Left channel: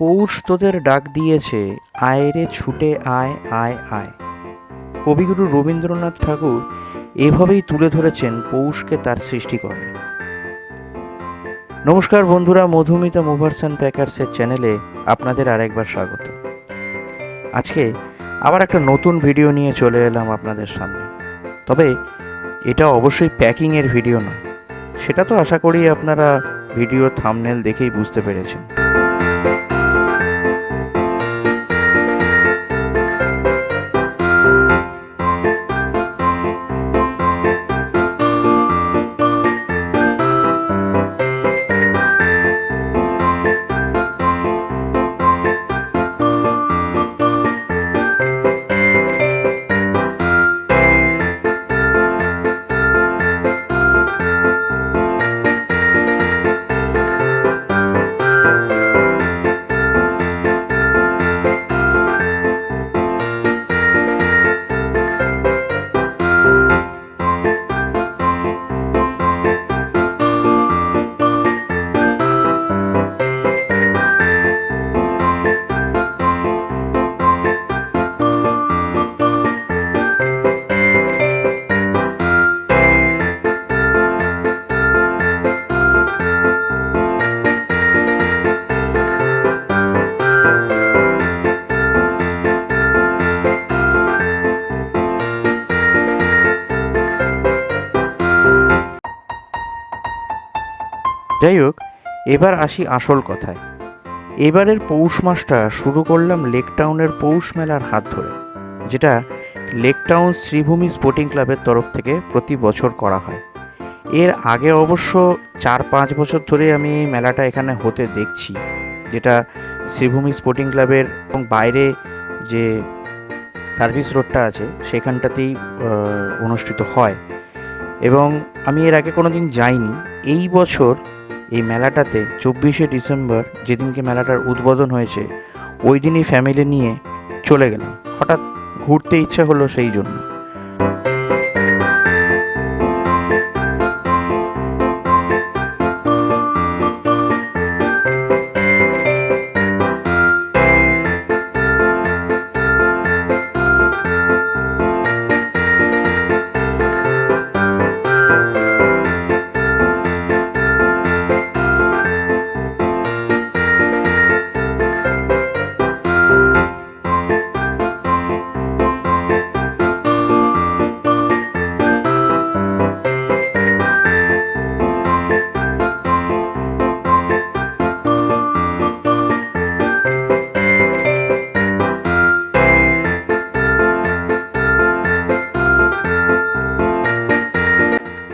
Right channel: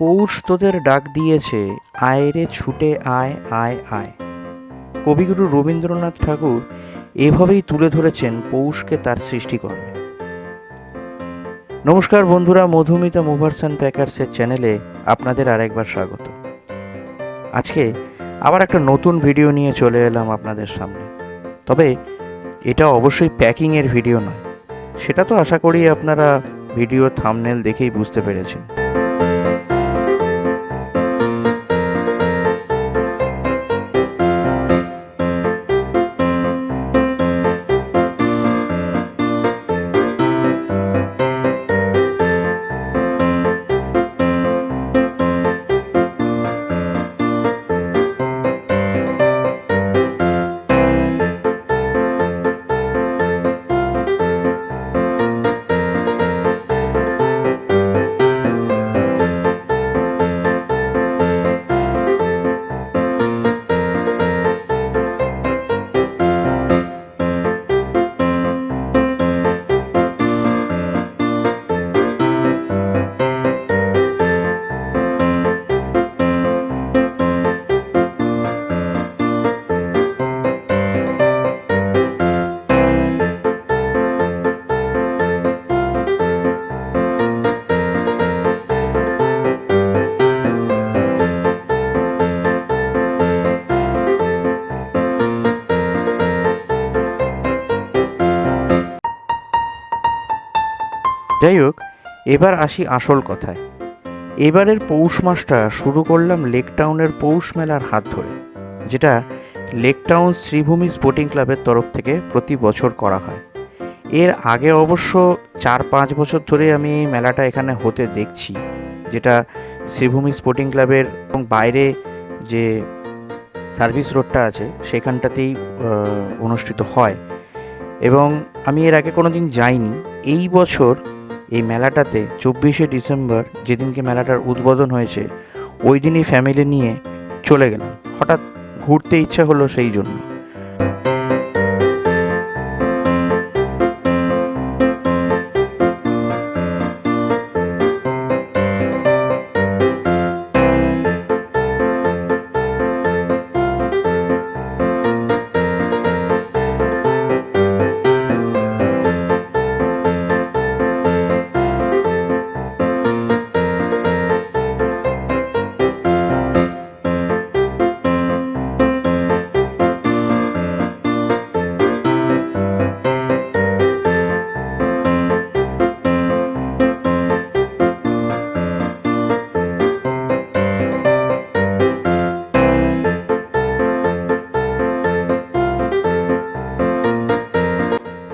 পৌষ তোদের ডাক দিয়েছে, আয় রে ছুটে আয় আয় আয়। কবিগুরু রবীন্দ্রনাথ ঠাকুর এভাবেই তুলে ধরেছেন পৌষকে তার সৃষ্টিকর্মে। নমস্কার বন্ধুরা, মধুমিতা মুভার্স অ্যান্ড প্যাকার্সের চ্যানেলে আপনাদের আরেকবার স্বাগত। আজকে আবার একটা নতুন ভিডিও নিয়ে চলে এলাম আপনাদের সামনে। তবে এটা অবশ্যই প্যাকিংয়ের ভিডিও নয়, সেটা তো আশা করি আপনারা ভিডিওর থাম্বনেল দেখেই বুঝতে পেরেছেন। যাই হোক, এবার আসি আসল কথায়। এবারের পৌষ মাসটা শুরু করলাম লেক টাউনের পৌষ মেলার হাত ধরে, যেটা লেক টাউন শ্রীভূমি স্পোর্টিং ক্লাবের তরফ থেকে প্রতি বছর করা হয়। এর আগে অবশ্য 4-5 বছর ধরে আমি এই মেলাটা এখানে হতে দেখছি, যেটা শ্রীভূমি স্পোর্টিং ক্লাবের এবং বাইরে যে সার্ভিস রোডটা আছে সেখানটাতেই অনুষ্ঠিত হয়। এবং আমি এর আগে কোনো দিন যাইনি। এই বছর এই মেলাটাতে 24শে ডিসেম্বর, যেদিনকে মেলাটার উদ্বোধন হয়েছে, ওই দিনই ফ্যামিলি নিয়ে চলে গেলাম। হঠাৎ ঘুরতে ইচ্ছা হলো সেই জন্য।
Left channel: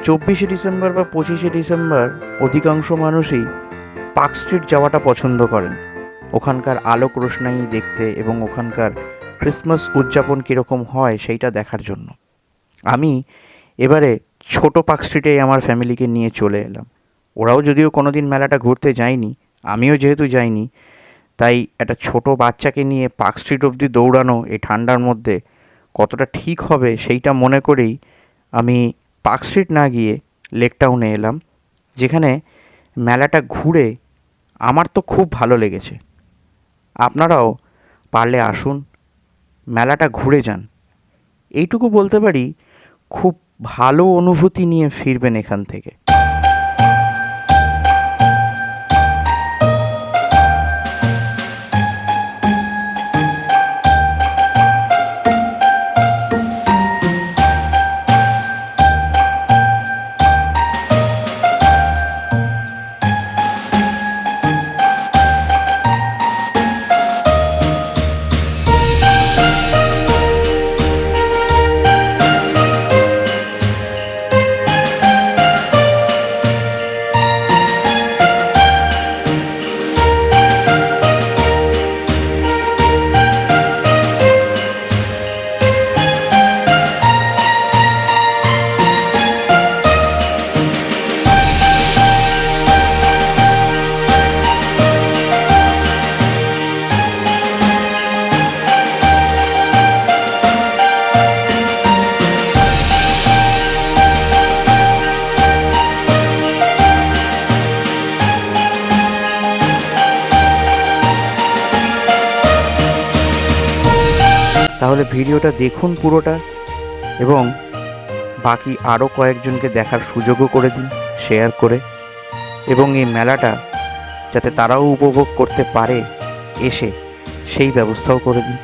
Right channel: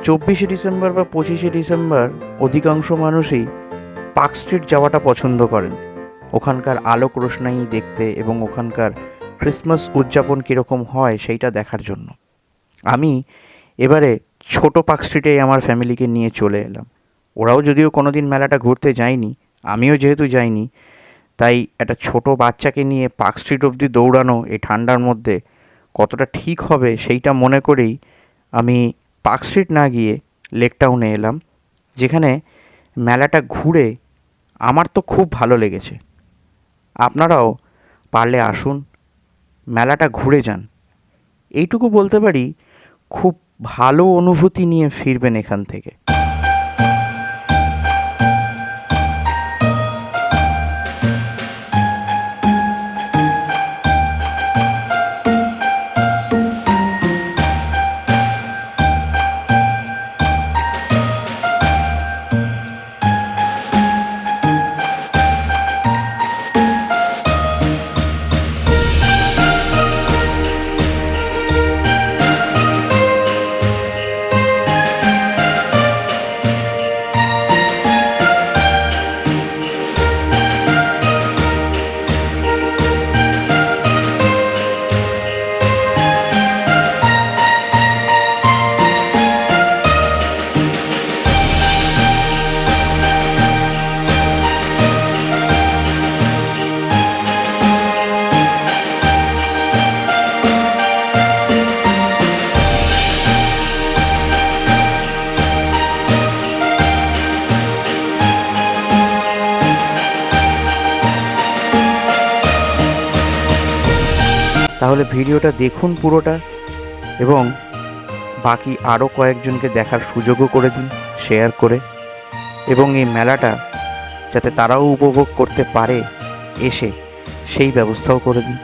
24শে ডিসেম্বর বা 25শে ডিসেম্বর অধিকাংশ মানুষই পার্ক স্ট্রিট যাওয়াটা পছন্দ করেন, ওখানকার আলোক রোশনাই দেখতে এবং ওখানকার ক্রিসমাস উদযাপন কীরকম হয় সেইটা দেখার জন্য। আমি এবারে ছোটো পার্ক স্ট্রিটেই আমার ফ্যামিলিকে নিয়ে চলে এলাম। ওরাও যদিও কোনো দিন মেলাটা ঘুরতে যায়নি, আমিও যেহেতু যাইনি, তাই একটা ছোট বাচ্চাকে নিয়ে পার্ক স্ট্রিট অবধি দৌড়ানো এই ঠান্ডার মধ্যে কতটা ঠিক হবে সেইটা মনে করেই আমি পার্ক স্ট্রিট না গিয়ে লেক টাউনে এলাম, যেখানে মেলাটা ঘুরে আমার তো খুব ভালো লেগেছে। আপনারাও পারলে আসুন, মেলাটা ঘুরে যান। এইটুকু বলতে পারি, খুব ভালো অনুভূতি নিয়ে ফিরবেন এখান থেকে। তাহলে ভিডিওটা দেখুন পুরোটা, এবং বাকি আরও কয়েকজনকে দেখার সুযোগও করে দিন শেয়ার করে, এবং এই মেলাটা যাতে তারাও উপভোগ করতে পারে এসে, সেই ব্যবস্থাও করে দিন।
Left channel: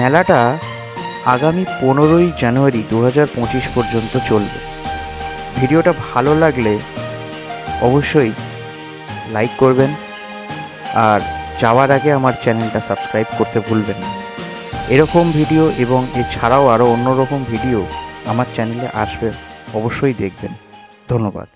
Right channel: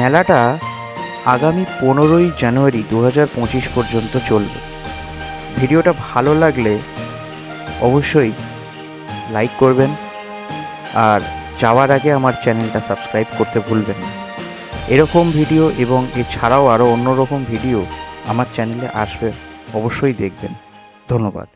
মেলাটা আগামী 15ই জানুয়ারি 2025 পর্যন্ত চলবে। ভিডিওটা ভালো লাগলে অবশ্যই লাইক করবেন, আর যাওয়ার আগে আমার চ্যানেলটা সাবস্ক্রাইব করতে ভুলবেন না। এরকম ভিডিও এবং এছাড়াও আরও অন্যরকম ভিডিও আমার চ্যানেলে আসবে, অবশ্যই দেখবেন। ধন্যবাদ।